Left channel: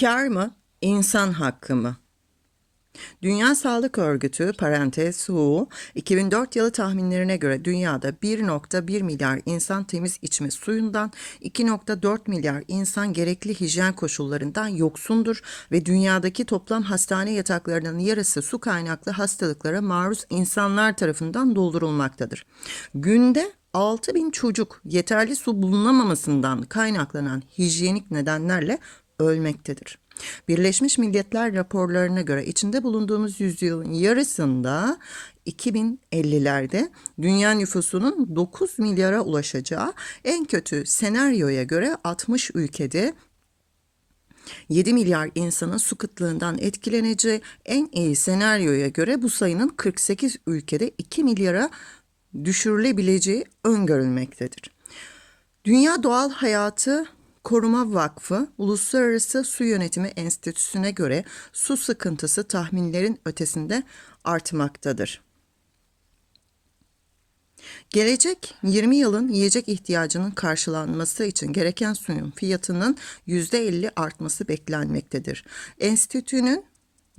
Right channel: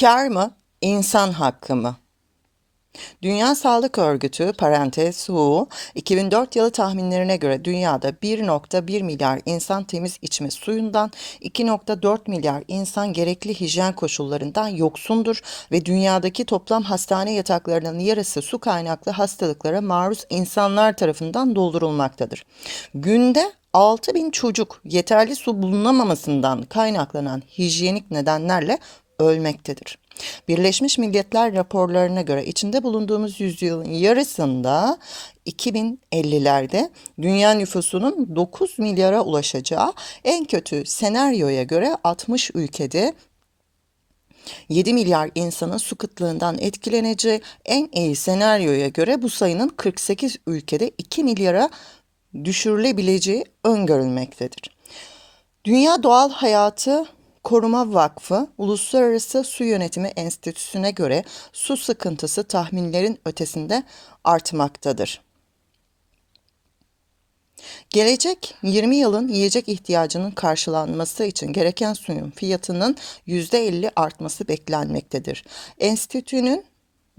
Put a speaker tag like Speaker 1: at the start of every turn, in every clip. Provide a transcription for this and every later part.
Speaker 1: Kar mı, insan hakkı mı? Dünya Sağlık Örgütü parantez WHO 2004 yılı tahminlerine göre dünyada 1.1 milyar insan temiz içme suyundan, 2.4 milyar insan gerekli hijyen koşullarından yoksundur ve dünyadaki toplam hastane yataklarının yarısı su kaynaklı hastalıklara maruz insanlar tarafından doldurulmaktadır. Günde 6 bin çocuk yeterli su bulunamamasından kaynaklanan hijyenik nedenlerle ölmektedir. Birleşmiş Milletler raporlarına göre içinde bulunduğumuz yüzyılın yarısında 2050'lerde dünya nüfusunun 9 milyara ulaşacağı en kötü senaryoya göre 60 ülkede 7 milyar insanın su kıtlığından etkileneceği en iyi senaryoya göre bu sayının 48 ülkede 2 milyara düşürülebileceği öngörülmektedir. Dünya Doğal Hayatı Koruma Vakfı Uluslararası Su Yönetimi Enstitüsü'ne göre su sıkıntısı tahminlerin ötesinde artmaktadır. Gelecek 20 yılın yiyecek ihtiyacının karşılanması için gereken suyun fiyatının %50 artması beklenmektedir. Enstitünün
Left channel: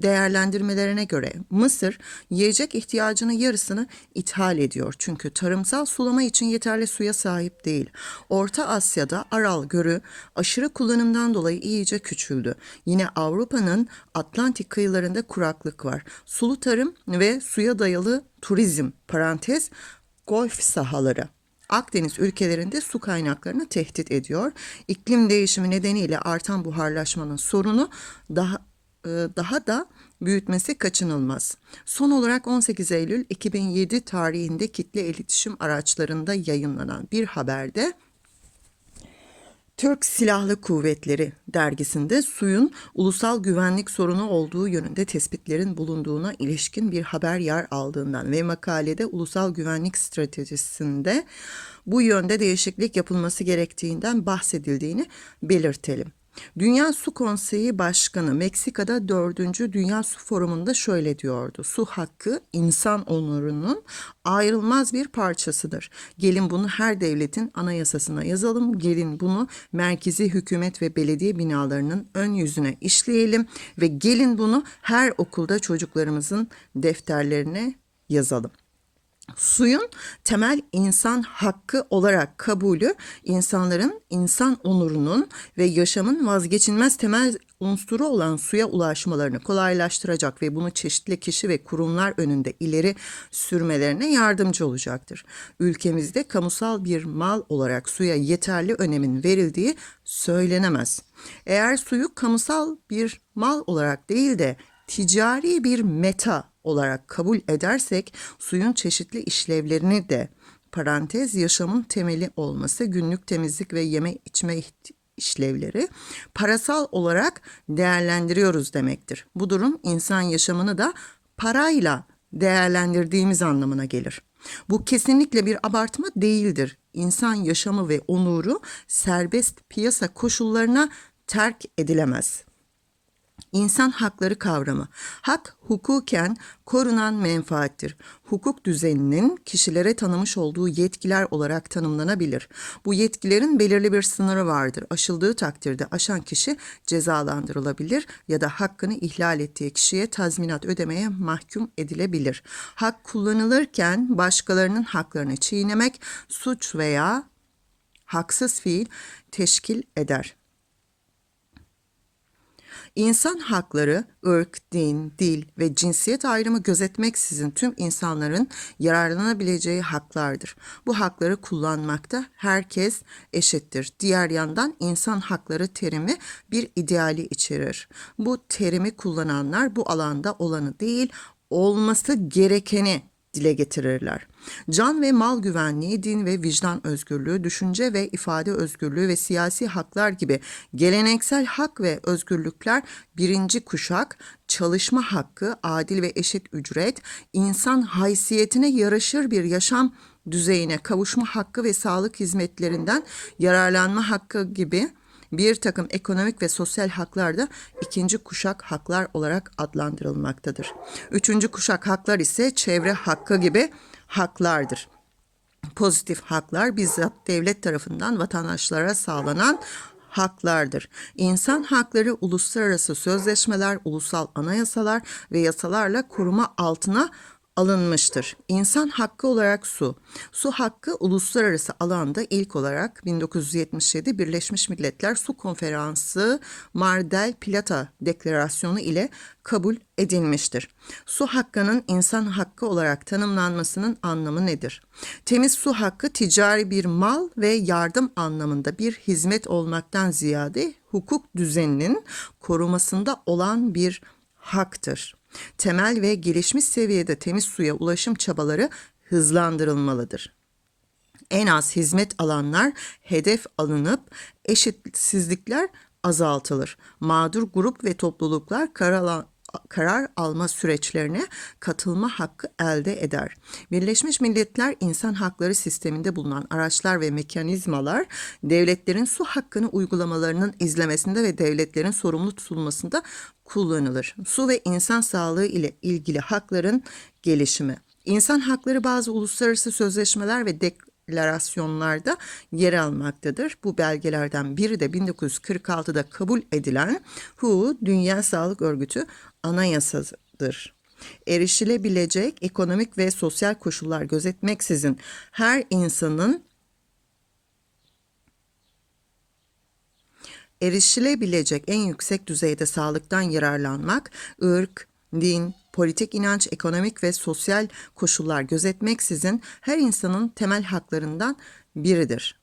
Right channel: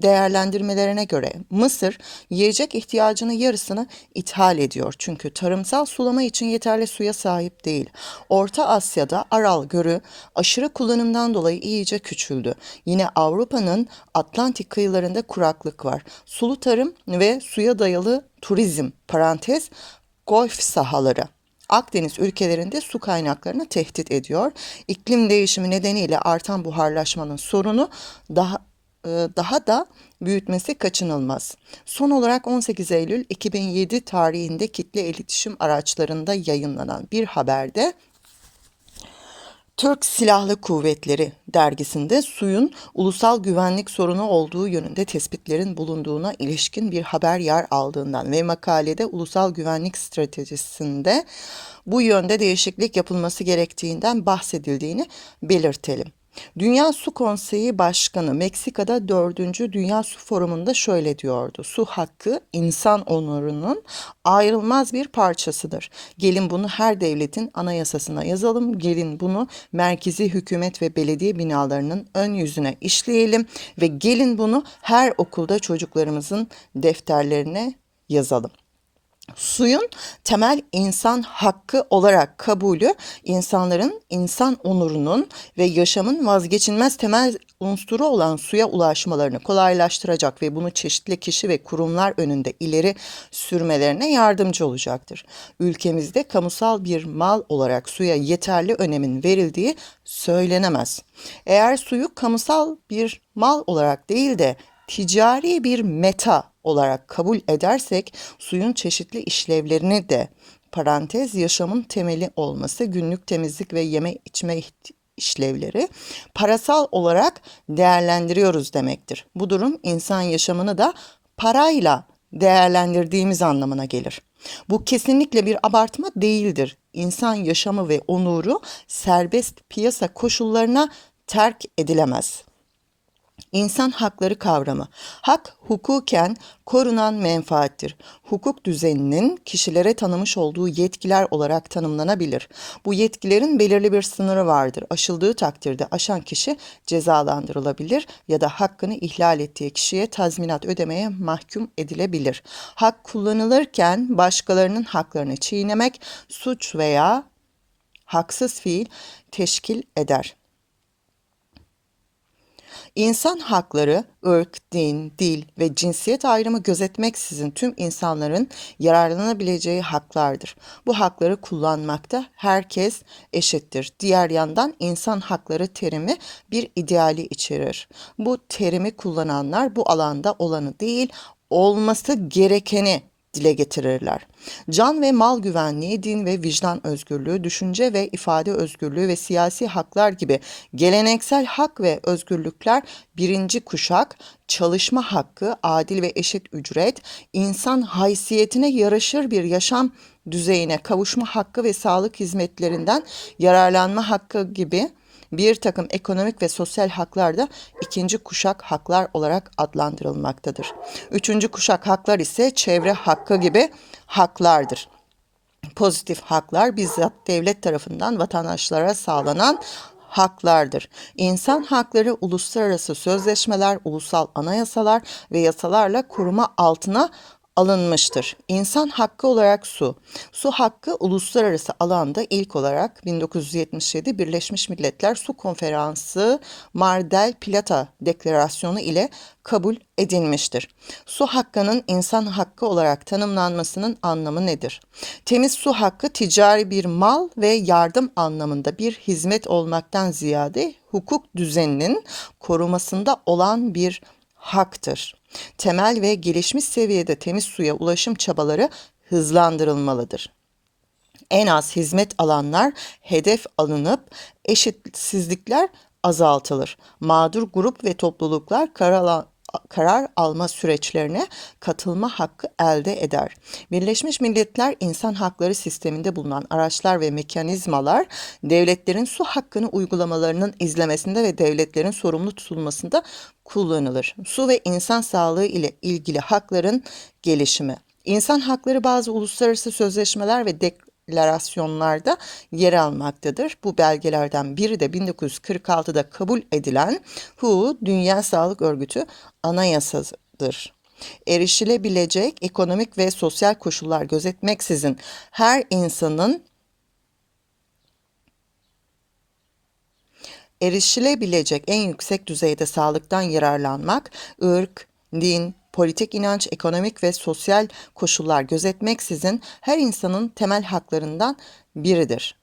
Speaker 1: değerlendirmelerine göre Mısır yiyecek ihtiyacının yarısını ithal ediyor. Çünkü tarımsal sulama için yeterli suya sahip değil. Orta Asya'da Aral Gölü aşırı kullanımdan dolayı iyice küçüldü. Yine Avrupa'nın Atlantik kıyılarında kuraklık var. Sulu tarım ve suya dayalı turizm parantez golf sahaları Akdeniz ülkelerinde su kaynaklarını tehdit ediyor. İklim değişimi nedeniyle artan buharlaşmanın sorunu daha daha da büyütmesi kaçınılmaz. Son olarak 18 Eylül 2007 tarihinde kitle iletişim araçlarında yayınlanan bir haberde Türk Silahlı Kuvvetleri dergisinde suyun ulusal güvenlik sorunu olduğu yönünde tespitlerin bulunduğuna ilişkin bir haber yer aldığından ve makalede ulusal güvenlik stratejisinde bu yönde değişiklik yapılması gerektiğinden bahsedildiğini belirtelim. Dünya Su Konseyi Başkanı Meksika'da 4. Dünya Su Forumu'nda şöyle diyordu. Su hakkı insan onurunun ayrılmaz bir parçasıdır. Gelin bunu her devletin anayasasına yazalım. Gelin bunu merkezi hükümet ve belediye binalarının ön yüzüne işleyelim ve gelin bunu her okulda çocuklarımızın defterlerine yazalım. Suyun temel insan hakkı olarak kabulü insanların insan onurunun ve yaşamın vazgeçilmez temel unsuru olan suya ulaşmalarını kolaylaştıracak ve bunu çeşitli kişi ve kurumlar önünde ileri sürmelerine yardımcı olacaktır. Ülkemizde kamusal bir mal olarak suya yeterli önemin verildiği söylenemez. Eğer suyu kamusal bir mal olarak değil de ticari bir meta olarak kabul edersek suyun çeşitli işlevlerini de parantez yaşamın temeli olması, günlük temizlik ve yeme içme işlevleri parasal olarak değerlendiriyoruz demektir. Bu durum insan yaşamını da parayla değerlendirdiğimiz anlamına gelir. Bu kesinlikle bir abartma değildir. İnsan yaşamı ve onuru serbest piyasa koşullarına terk edilemez. İnsan hakları kavramı. Hak hukuken korunan menfaattir. Hukuk düzeninin kişilere tanımış olduğu yetkiler olarak tanımlanabilir. Bu yetkilerin belirli bir sınırı vardır. Aşıldığı takdirde aşan kişi cezalandırılabilir ya da hakkını ihlal ettiği kişiye tazminat ödemeye mahkum edilebilir. Hak kullanılırken başkalarının haklarını çiğnemek suç veya haksız fiil teşkil eder. İnsan hakları, ırk, din, dil ve cinsiyet ayrımı gözetmeksizin tüm insanların yararlanabileceği haklardır. Bu hakları kullanmakta herkes eşittir. Diğer yandan insan hakları terimi bir ideali içerir. Bu terimi kullananlar bu alanda olanı değil, olması gerekeni dile getirirler. Can ve mal güvenliği, din ve vicdan özgürlüğü, düşünce ve ifade özgürlüğü ve siyasi haklar gibi geleneksel hak ve özgürlükler birinci kuşak, çalışma hakkı, adil ve eşit ücret, insan haysiyetine yaraşır bir yaşam düzeyine kavuşma hakkı ve sağlık hizmetlerinden yararlanma hakkı gibi bir takım ekonomik ve sosyal haklar da ikinci kuşak haklar olarak adlandırılmaktadır. Üçüncü kuşak haklar ise çevre hakkı gibi haklardır. Pozitif haklar bizzat devlet tarafından vatandaşlara sağlanan haklardır. İnsan hakları uluslararası sözleşmeler, ulusal anayasalar ve yasalarla koruma altına alınmıştır. İnsan hakkı olarak su. Su hakkı uluslararası alanda ilk olarak 1977 Birleşmiş Milletler Su Konferansı Mar del Plata Deklarasyonu ile kabul edilmiştir. Su hakkının insan hakkı olarak tanımlanmasının anlamı nedir? Temiz su hakkı ticari bir mal ve yardım anlamında bir hizmet olmaktan ziyade hukuk düzeninin korumasında olan bir haktır. Temel ve gelişmiş seviyede temiz suya ulaşım çabaları hızlandırılmalıdır. En az hizmet alanlar hedef alınıp eşitsizlikler azaltılır. Mağdur grup ve topluluklar karar, karar alma süreçlerine katılma hakkı elde eder. Birleşmiş Milletler İnsan Hakları Sisteminde bulunan araçlar ve mekanizmalar devletlerin su hakkını uygulamalarının izlemesinde ve devletlerin sorumlu tutulmasında kullanılır. Su ve insan sağlığı ile ilgili hakların gelişimi. İnsan hakları bazı uluslararası sözleşmeler ve deklarasyonlarda yer almaktadır. Bu belgelerden biri de 1946'da kabul edilen WHO Dünya Sağlık Örgütü Anayasasıdır. Erişilebilecek ekonomik ve sosyal koşullar gözetmeksizin her insanın erişilebilecek en yüksek düzeyde sağlıktan yararlanmak, ırk, din, politik inanç, ekonomik ve sosyal koşullar gözetmeksizin her insanın temel haklarından biridir.